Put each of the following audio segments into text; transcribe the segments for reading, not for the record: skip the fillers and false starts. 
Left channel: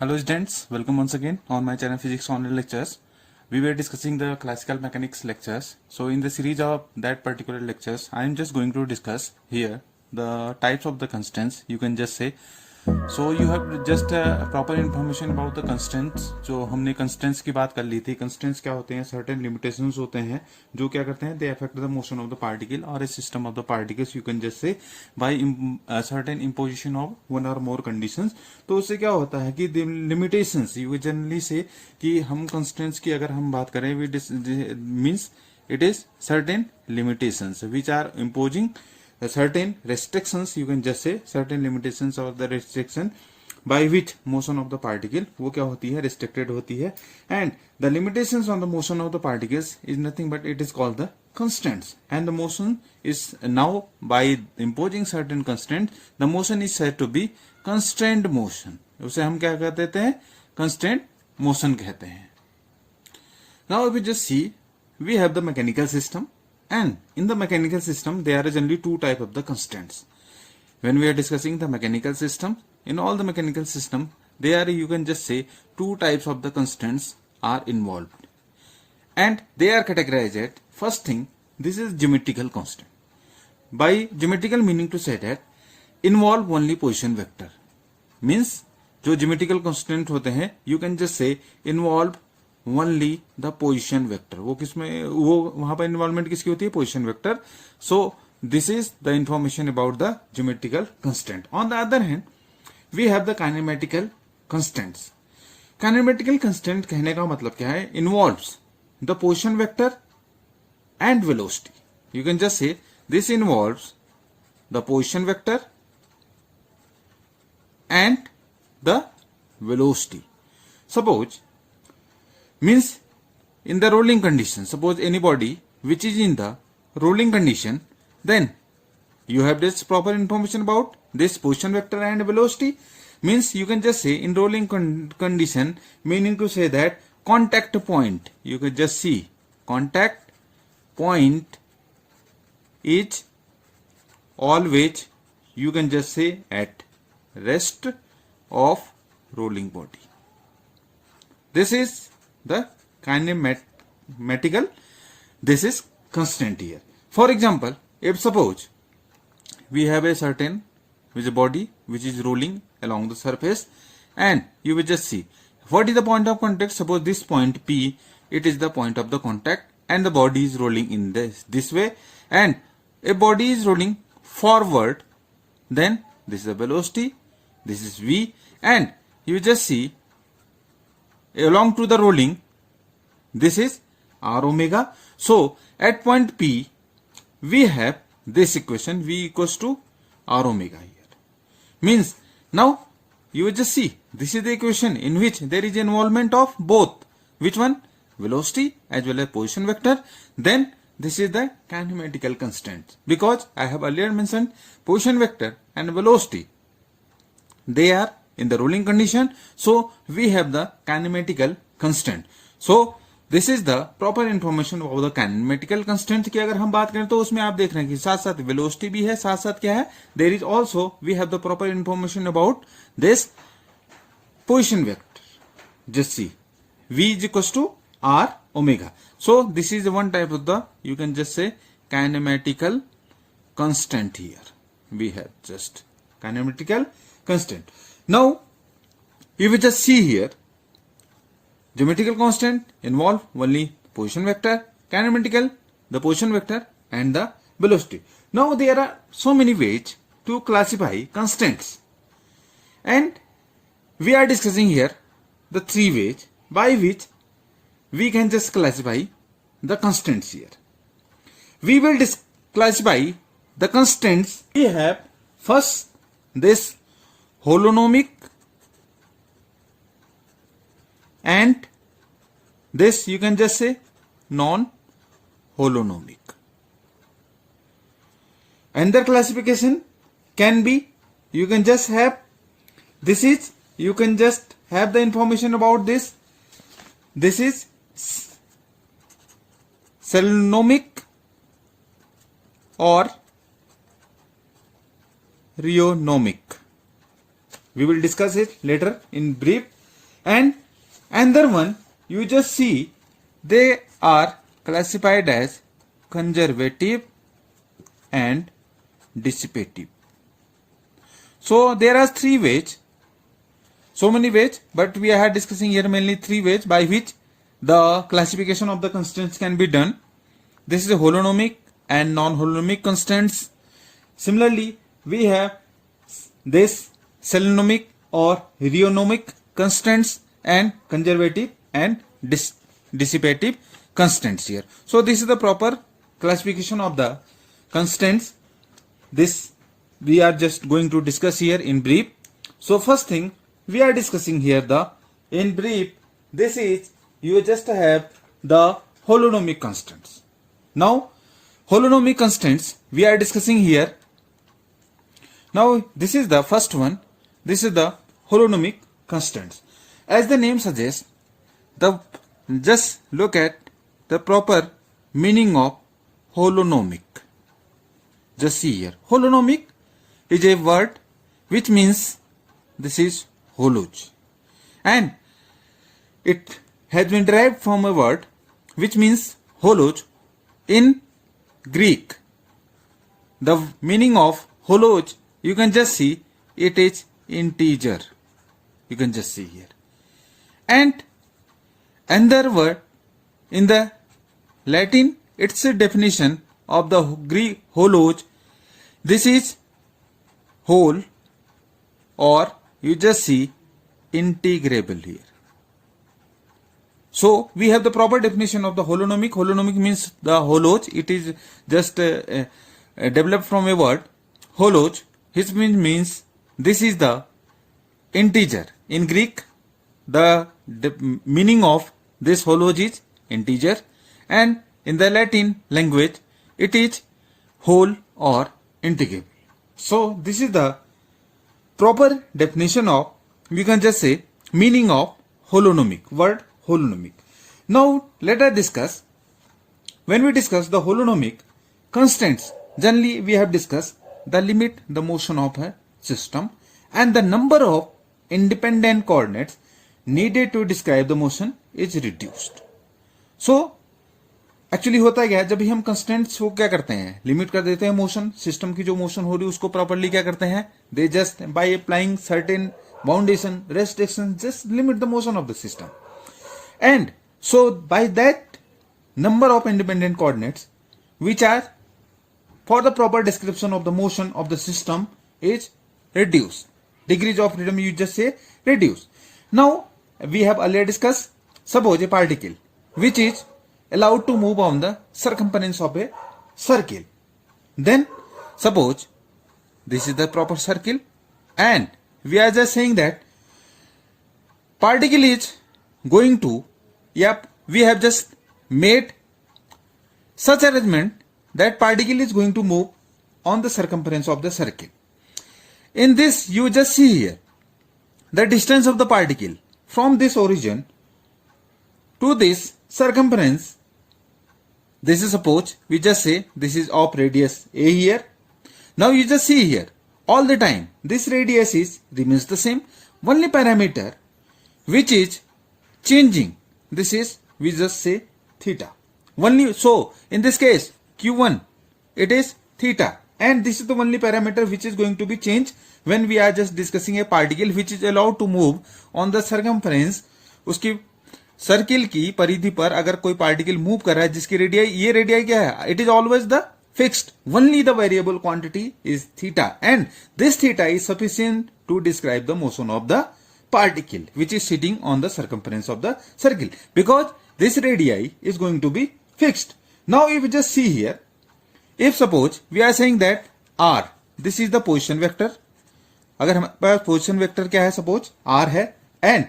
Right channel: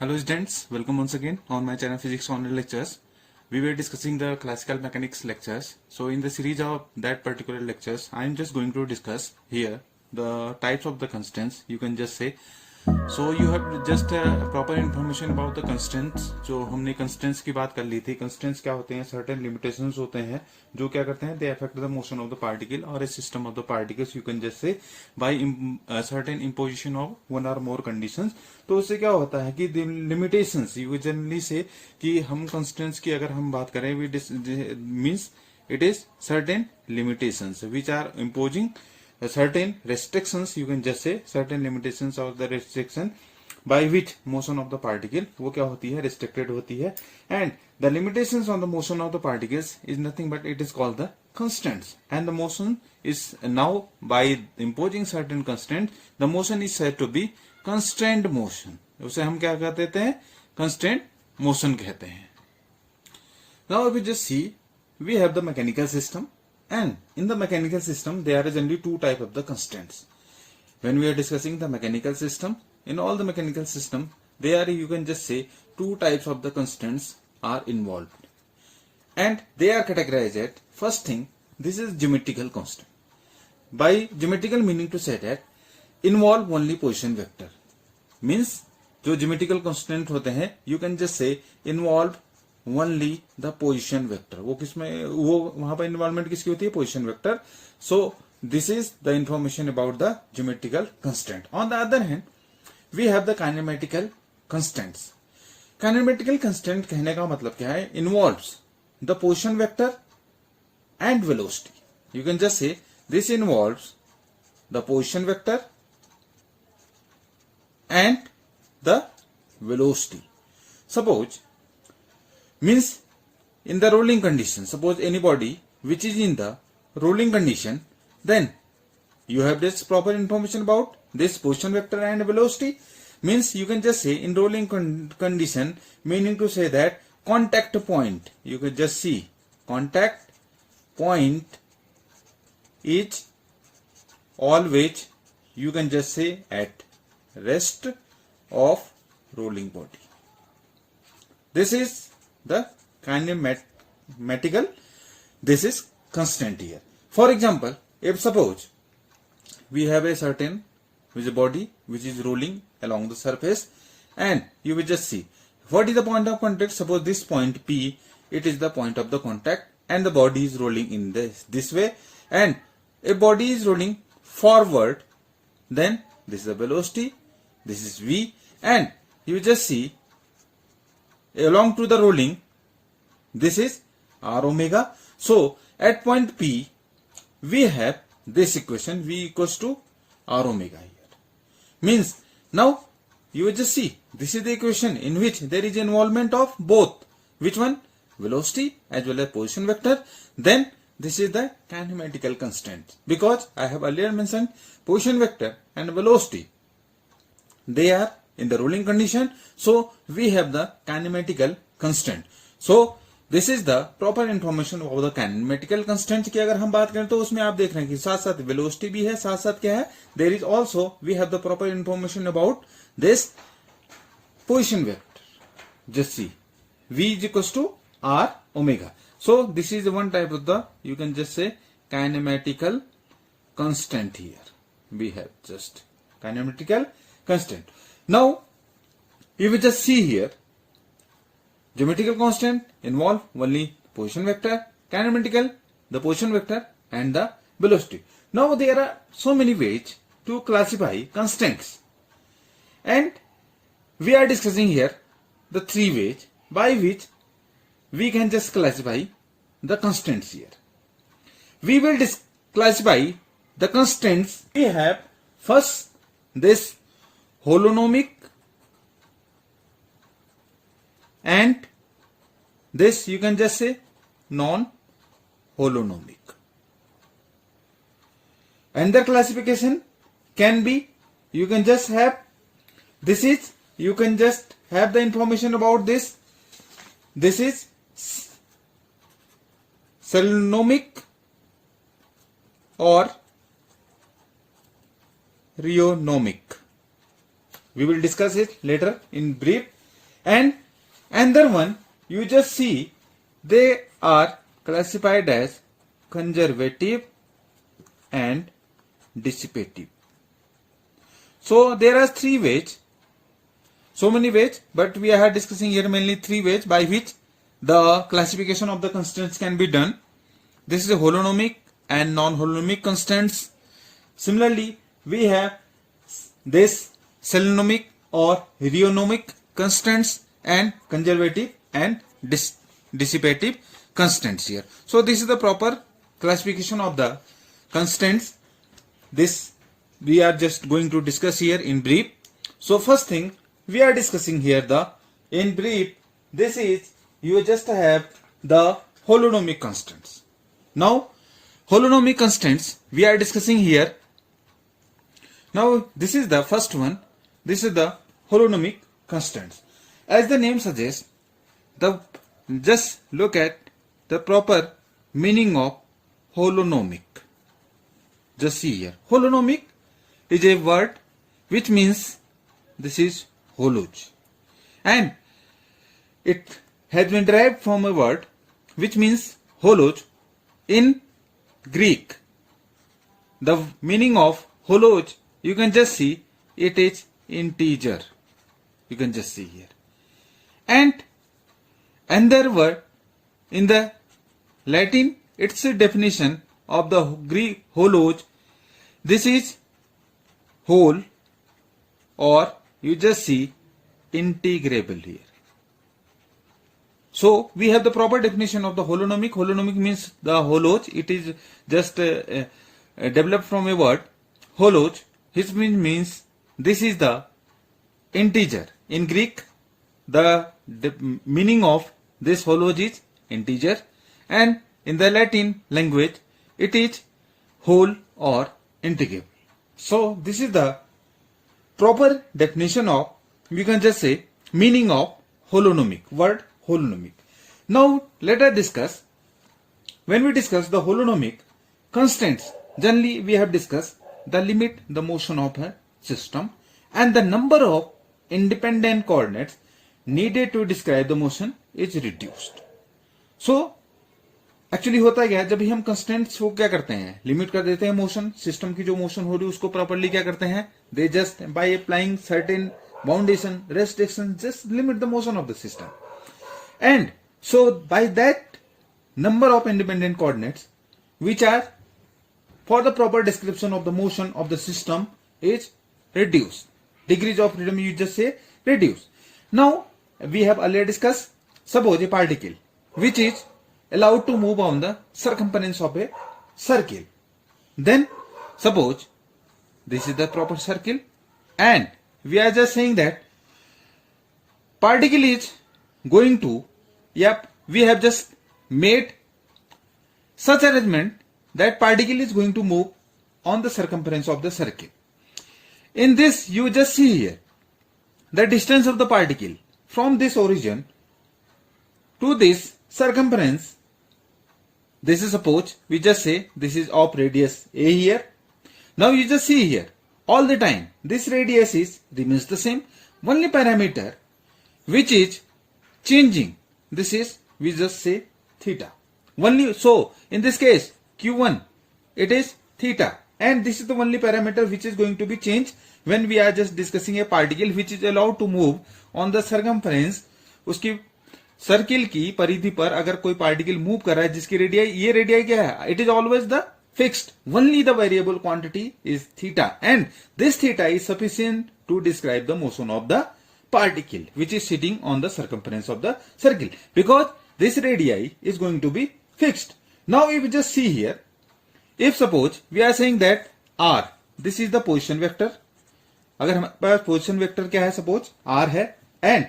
Hello students, welcome once again on my channel Physics Online Lectures. We were discussing the classical mechanics lectures. So in the series of that particular lectures, I am just going to discuss here the types of the constants. You can just say, so you have just proper information about the constants. जो हमने constants की बात कर ली थी. Constants क्या होते हैं? Certain limitations होते हैं जो क्या करते हैं? They affect the motion of the particle or a system of the particles. You can just say by certain imposition of one or more conditions. तो उससे क्या होता है कि limitations you generally say कि हम constants की अगर हम बात करें, means it is certain limitations which are imposing certain restrictions. You can just say certain limitations or the restriction by which motion of the particle वो क्या होती है? Restricted होती है. And the limitations on the motion of the particles is nothing but it is called the constants. And the motion is now by imposing certain constants, the motion is said to be constrained motion. उसे हम क्या कहते हैं? Constrained motion कहते हैं. Now if we just see, we have the mechanical system. And in the mechanical system, there are generally two types of the constants. When we are discussing the mechanical system, in all the mechanical system, there you can just say two types of the constants are involved. And they are categorized at, first thing, this is geometrical constant. By geometrical meaning to say that, involve only position vector. Means, जो geometrical constant होते हैं, you can just say involve only the position vector. वो किसमें वो वहां पर involvement किसकी होती है? Position vector. So this is the information about the geometrical constant. On the other hand we have the kinematical constants. Kinematical constant कहने का मतलब क्या है? Involves the position vector and velocity. You can just say this involves the position vector and the velocity. Suppose means in the rolling condition, suppose any body which is in the rolling condition, then you have this proper information about this position vector and velocity. Means you can just say in rolling condition, meaning to say that contact point, you can just see contact point is always, you can just say at rest of rolling body. This is the kinematical, this is constant here. For example, if suppose we have a certain with a body which is rolling along the surface, and you will just see what is the point of contact. Suppose this point P, it is the point of the contact, and the body is rolling in this way, and a body is rolling forward, then this is the velocity, this is V, and you just see along to the rolling, this is r omega. So at point P, we have this equation V equals to r omega here. Means now you will just see this is the equation in which there is involvement of both. Which one? Velocity as well as position vector. Then this is the kinematical constant. Because I have earlier mentioned position vector and velocity, they are in the rolling condition, so we have the kinematical constant. So this is the proper information of the kinematical constant. की अगर हम बात करें तो उसमें आप देख रहे हैं कि साथ साथ velocity भी है, साथ साथ क्या है? There is also we have the proper information about this position vector. Just see V is equals to r omega. So this is one type of the, you can just say kinematical constant here. We have just kinematical constant. Now, if we just see here, geometrical constant involve only position vector, kinematical, the position vector and the velocity. Now, there are so many ways to classify constants. And we are discussing here the three ways by which we can just classify the constants here. We will classify the constants. We have first this holonomic and this you can just say non-holonomic. Another classification can be, you can just have, this is, you can just have the information about this. This is Solonomic or rheonomic. We will discuss it later in brief. And another one, you just see they are classified as conservative and dissipative. So there are three ways, so many ways, but we are discussing here mainly three ways by which the classification of the constants can be done. This is a holonomic and non-holonomic constants. Similarly, we have this selenomic or rheonomic constants and conservative and dissipative constants here. So this is the proper classification of the constants. This we are just going to discuss here in brief. So first thing we are discussing here, in brief, this is you just have the holonomic constants. Now holonomic constants we are discussing here. Now this is the first one. This is the holonomic constants. As the name suggests, just look at the proper meaning of holonomic. Just see here. Holonomic is a word which means this is holoj. And it has been derived from a word which means holoj in Greek. The meaning of holoj, you can just see it is integer. You can just see here. And another word in the Latin, it's a definition of the Greek holoj. This is whole, or you just see integrable here. So we have the proper definition of the holonomic. Holonomic means the holoj. It is just developed from a word holoj. Which means this is the integer. In Greek, the meaning of this holoj is integer, and in the Latin language, it is whole or integrable. So this is the proper definition of, we can just say, meaning of holonomic, word holonomic. Now let us discuss, when we discuss the holonomic constants, generally we have discussed the limit the motion of a system and the number of independent coordinates needed to describe the motion is reduced. So actually होता है क्या, जब भी हम constants को क्या करते हैं, लिमिट कर देते हैं मोशन, सिस्टम की जो मोशन हो रही है उसको प्रॉपर्ली क्या करते हैं, they just by applying certain boundation restriction just limit the motion of the system. And so by that number of independent coordinates which are for the proper description of the motion of the system is reduced. Degrees of freedom you just say reduce. Now we have earlier discussed, suppose a particle which is allowed to move on the circumference of a circle. Then suppose this is the proper circle and we are just saying that particle is going to, we have just made such arrangement that particle is going to move on the circumference of the circle. In this you just see here the distance of the particle from this origin to this circumference. This is, suppose we just say this is of radius a here. Now you just see here all the time this radius is remains the same. Only parameter which is changing, this is, we just say theta. Only, so in this case q1 it is theta, and this is the only parameter which is going to be changed when we are just discussing a particle which is allowed to move on the circumference. उसकी circle की परिधि पर अगर कोई particle move कर रहा है जिसकी रेडियाई, ये रेडियाई क्या है, it is always the fixed, only the variable quantity is theta, and this theta is sufficient to describe the motion of the particle which is sitting on the circumference of the circle, because this radii is going to be fixed. Now if you just see here, if suppose we are saying that r, this is the position vector, अगर हमारे पास position vector क्या है, suppose r है, and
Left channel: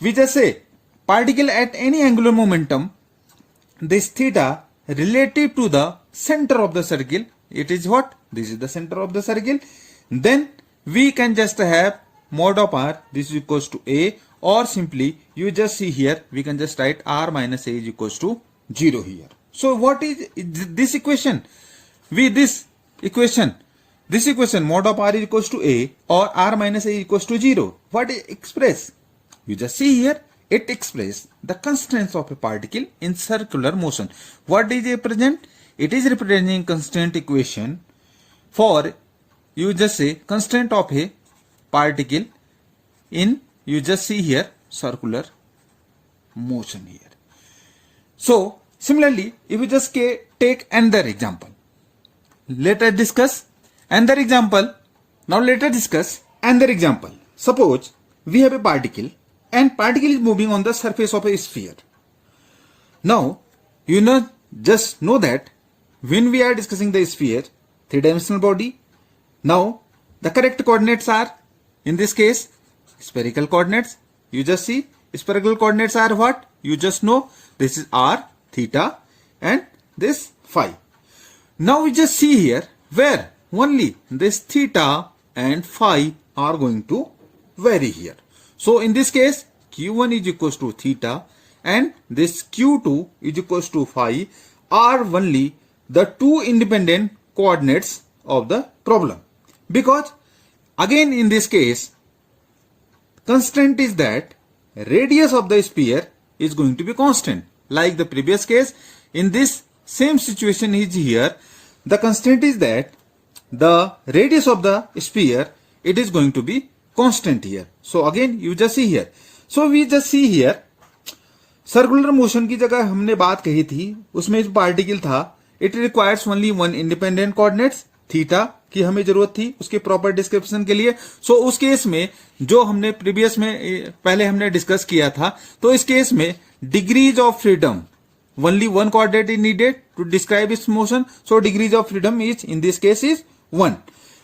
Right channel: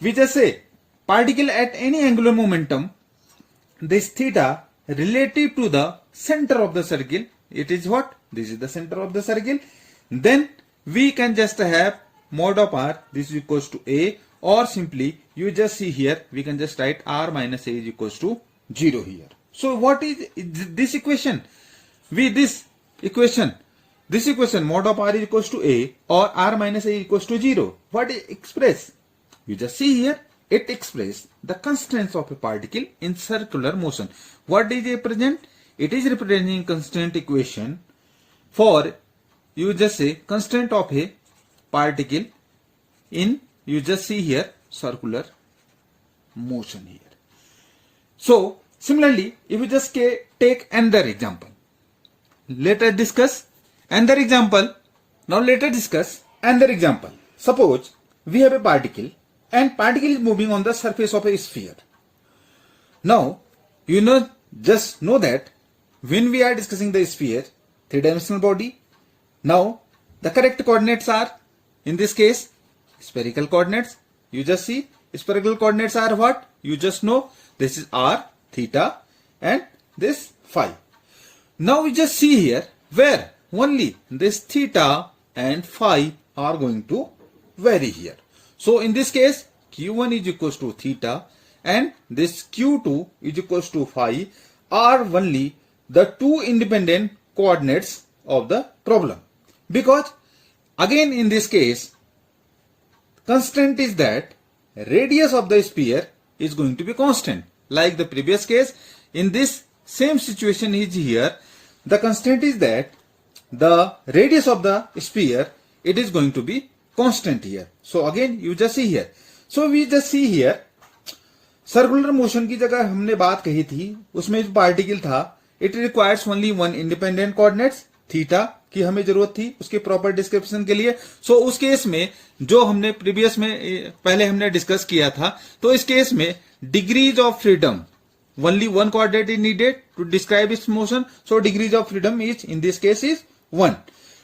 we just say particle at any angular momentum, this theta relative to the center of the circle, it is what, this is the center of the circle, then we can just have mod of r, this is equals to a, or simply you just see here we can just write r minus a is equals to 0 here. So what is this equation? This equation mod of r is equals to a or r minus a is equals to 0, what is express? you just see here, it expresses the constraints of a particle in circular motion. What is it represent? It is representing constant equation for, you just say, constraint of a particle in, you just see here, circular motion here. So similarly, if you just take another example, let us discuss another example. Now let us discuss another example. Suppose we have a particle and particle is moving on the surface of a sphere. Now just know that when we are discussing the sphere, three-dimensional body, now the correct coordinates are, in this case, spherical coordinates. You just see spherical coordinates are what? You just know this is r, theta, and this phi. Now we just see here where only this theta and phi are going to vary here. So in this case, q1 is equals to theta and this q2 is equals to phi are only the two independent coordinates of the problem. Because again in this case, constraint is that radius of the sphere is going to be constant. Like the previous case, in this same situation is here, the constraint is that the radius of the sphere, it is going to be constant here. So again you just see here. So we just see here, circular motion की जगह हमने बात कही थी, उसमें जो particle था, it requires only one independent coordinates, theta की हमें जरूरत थी उसके प्रॉपर डिस्क्रिप्शन के लिए. सो उस केस में जो हमने प्रीवियस में पहले हमने डिस्कस किया था, तो इस केस में degrees of freedom, only one coordinate is needed to describe its motion. So degrees of freedom is, in this case, is 1.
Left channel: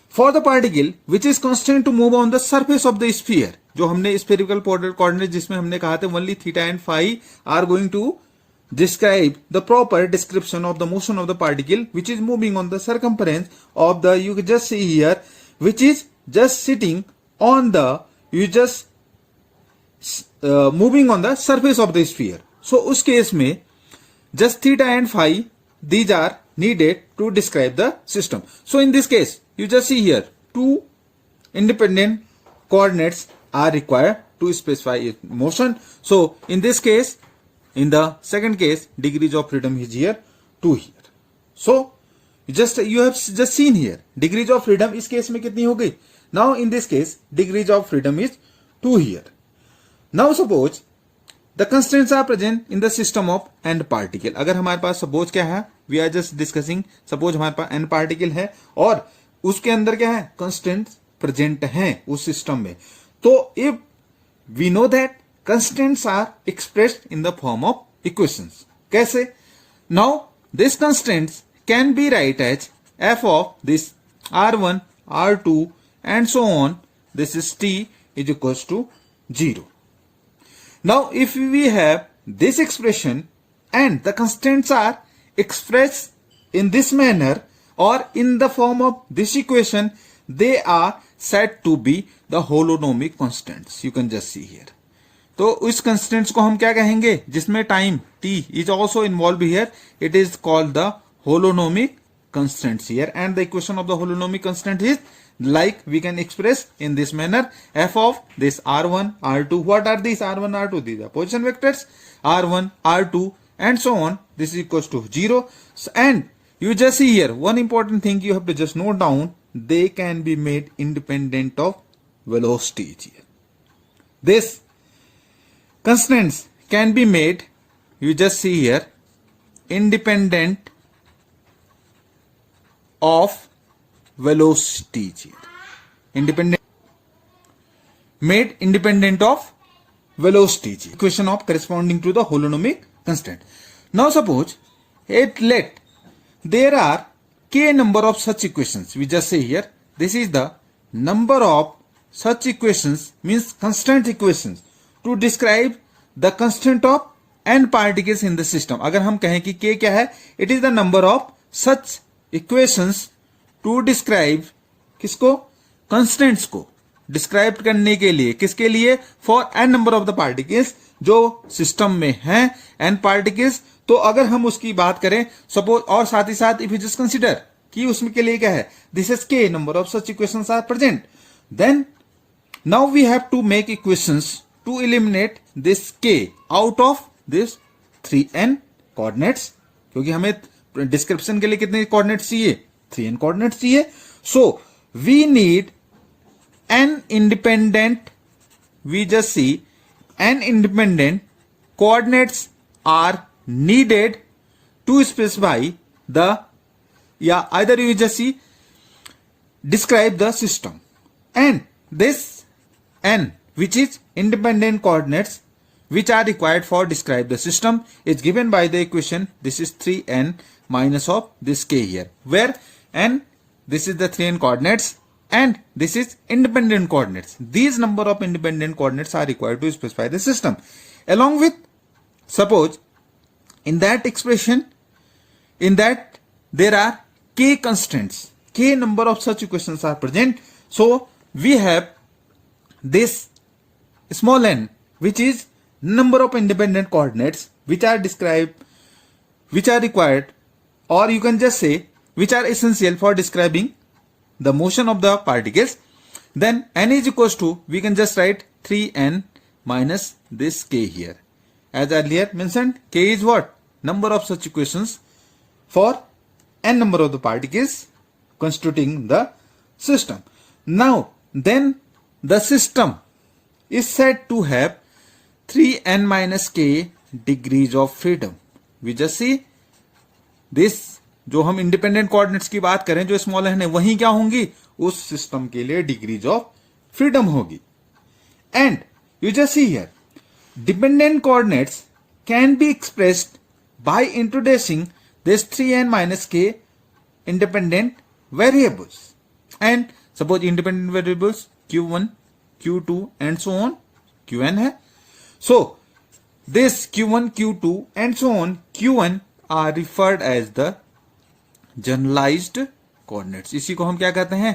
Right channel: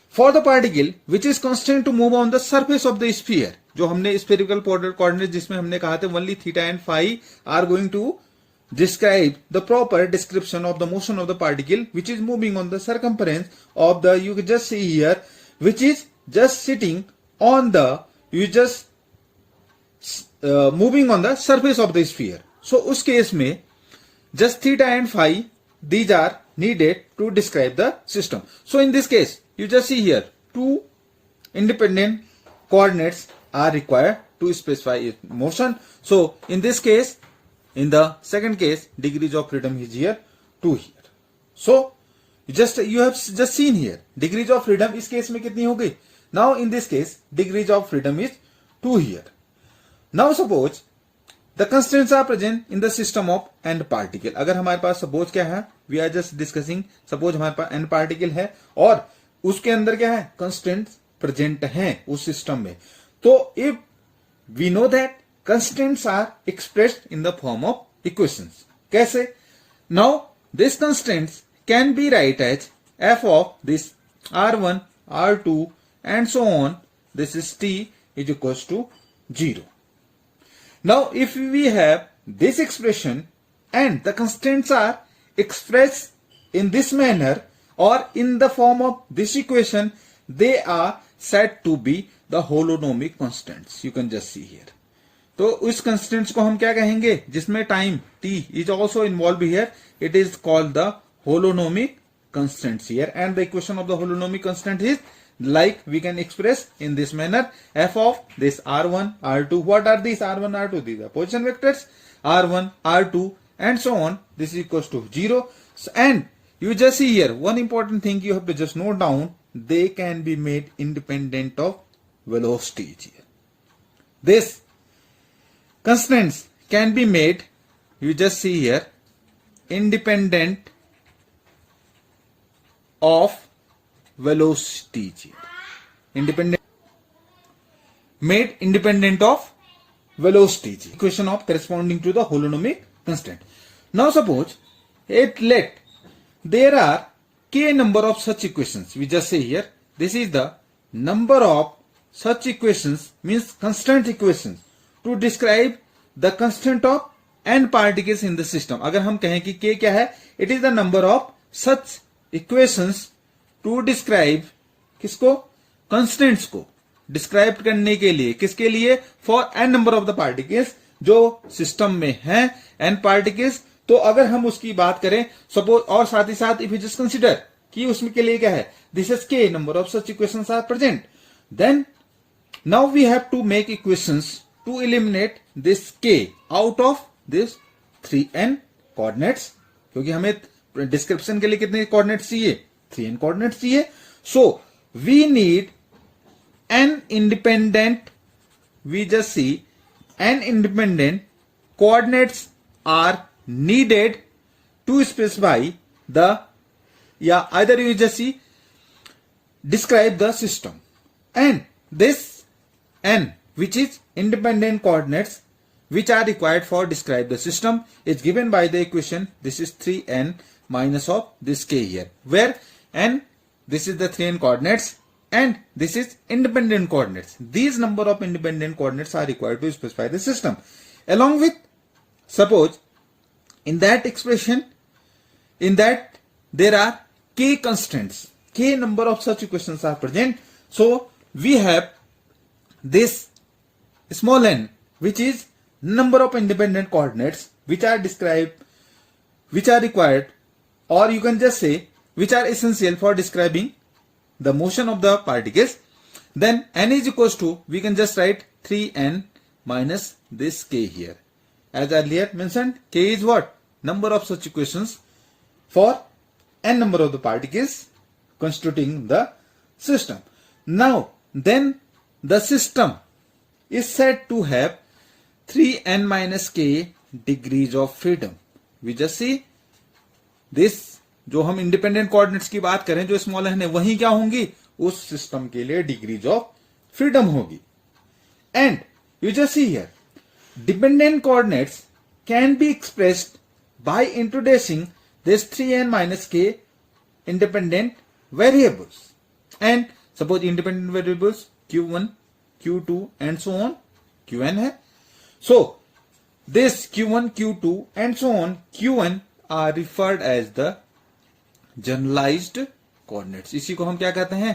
For the particle which is constant to move on the surface of the sphere, जो हमने spherical coordinate जिसमें हमने कहा था only theta and phi are going to describe the proper description of the motion of the particle which is moving on the circumference of the, you can just see here, which is just sitting on the, you just moving on the surface of the sphere. So उस case में just theta and phi, these are needed to describe the system. So in this case, you just see here, two independent coordinates are required to specify its motion. So in this case, in the second case, degrees of freedom is here, 2 here. So you have just seen here, degrees of freedom इस case में कितनी हो गई? Now in this case, degrees of freedom is 2 here. Now suppose the constraints are present in the system of n particle. अगर हमारे पास suppose क्या है, we are just discussing, suppose हमारे पास n particle है और उसके अंदर क्या है, constraints present हैं उस system में. तो if we know that constraints are expressed in the form of equations. कैसे? Now these constraints can be write as f of this r1, r2 and so on. This is t is equals to 0. Now if we have this expression and the constraints are expressed in this manner or in the form of this equation, they are said to be the holonomic constants. You can just see here. तो इस constraints को हम क्या कहेंगे, जिसमें time t is also involved here, it is called the holonomic constants here. And the equation of the holonomic constant is like we can express in this manner, f of this r1, r2. What are these r1, r2? These are position vectors, r1, r2 and so on. This is equals to 0. And you just see here, one important thing you have to just note down, they can be made independent of velocity here. This constraints can be made, you just see here, independent of velocity here. Made independent of velocity here. Equation of corresponding to the holonomic constant. Now suppose there are k number of such equations. We just say here, this is the number of such equations, means constant equations to describe the constant of n particles in the system. अगर हम कहें कि k क्या है, it is the number of such equations to describe किसको, constants को describe करने के लिए, किसके लिए, for n number of the particles जो system में हैं n particles. तो अगर हम उसकी बात करें सपोज, और साथ ही साथ इफ यू जस्ट कंसिडर कि उसमें के लिए क्या है, this is k number of such equations are present, then now we have to make equations to eliminate this k out of this 3n coordinates, क्योंकि हमें डिस्क्रिप्शन के लिए कितने कोऑर्डिनेट्स चाहिए, 3n कोऑर्डिनेट्स चाहिए. So we need an independent, we just see an independent coordinates are needed to specify the, yeah, either you just see describe the system, and this n, which is independent coordinates which are required for describe the system, is given by the equation. This is 3n minus of this k here, where n, this is the 3n coordinates and this is independent coordinates. These number of independent coordinates are required to specify the system. Along with, suppose in that expression, in that there are k constants, k number of such equations are present. So we have this small n, which is number of independent coordinates which are described, which are required, or you can just say which are essential for describing the motion of the particles. Then n is equals to, we can just write 3n minus this k here. As earlier mentioned, k is what? Number of such equations for n number of the particles constituting the system. Now, then the system is said to have 3n minus k degrees of freedom. We just see this, जो हम independent coordinates की बात करें, जो small N है, वही क्या होंगी, उस सिस्टम के लिए डिग्रीज ऑफ फ्रीडम होगी. And you just see here, dependent coordinates can be expressed by introducing this 3n minus k independent variables. And suppose independent variables q1, q2 and so on, qn है. So this q1, q2 and so on, qn are referred as the generalised coordinates. इसी को हम क्या कहते हैं,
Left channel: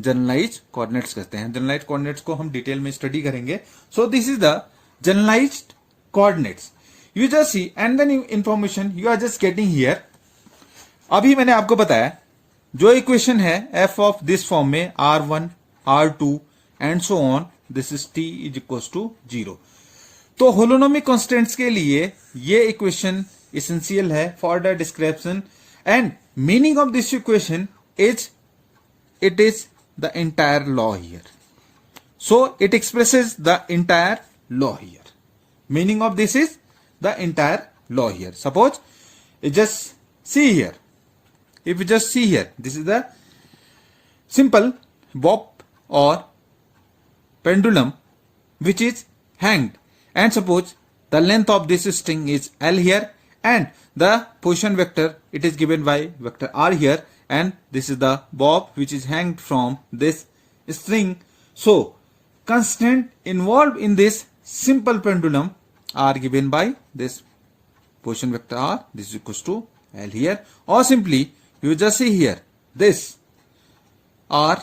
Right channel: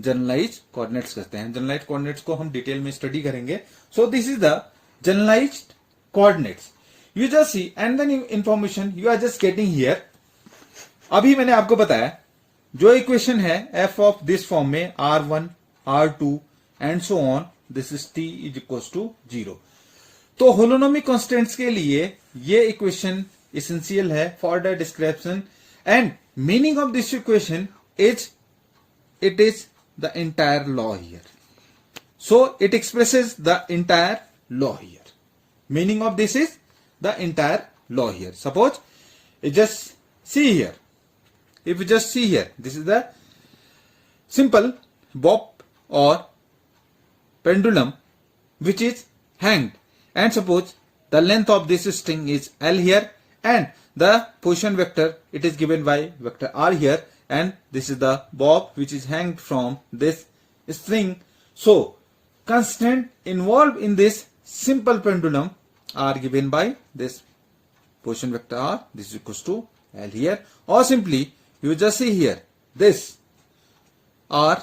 generalised coordinates कहते हैं. Generalised coordinates को हम डिटेल में स्टडी करेंगे. So this is the generalised coordinates. You just see and then information you are just getting here. अभी मैंने आपको बताया जो इक्वेशन है एफ ऑफ दिस फॉर्म में r1, r2 and so on, this is t is equal to 0. तो holonomic constants के लिए ये इक्वेशन एसेंशियल है for the description. And meaning of this equation is, it is the entire law here. So it expresses the entire law here. Meaning of this is the entire law here. Suppose you just see here. If you just see here, this is the simple bob or pendulum which is hanged. And suppose the length of this string is L here, and the position vector, it is given by vector r here, and this is the bob which is hanged from this string. So constant involved in this simple pendulum are given by this position vector r, this is equals to L here, or simply you just see here this r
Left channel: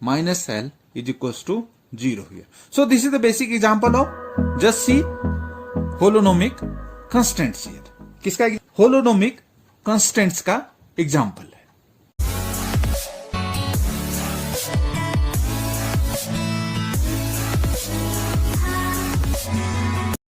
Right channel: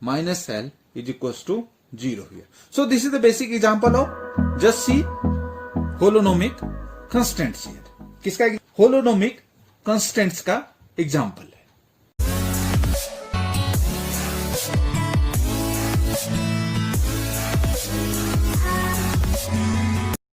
minus L is equals to 0 here. So this is the basic example of just see holonomic constants here. किसका, holonomic constants का example.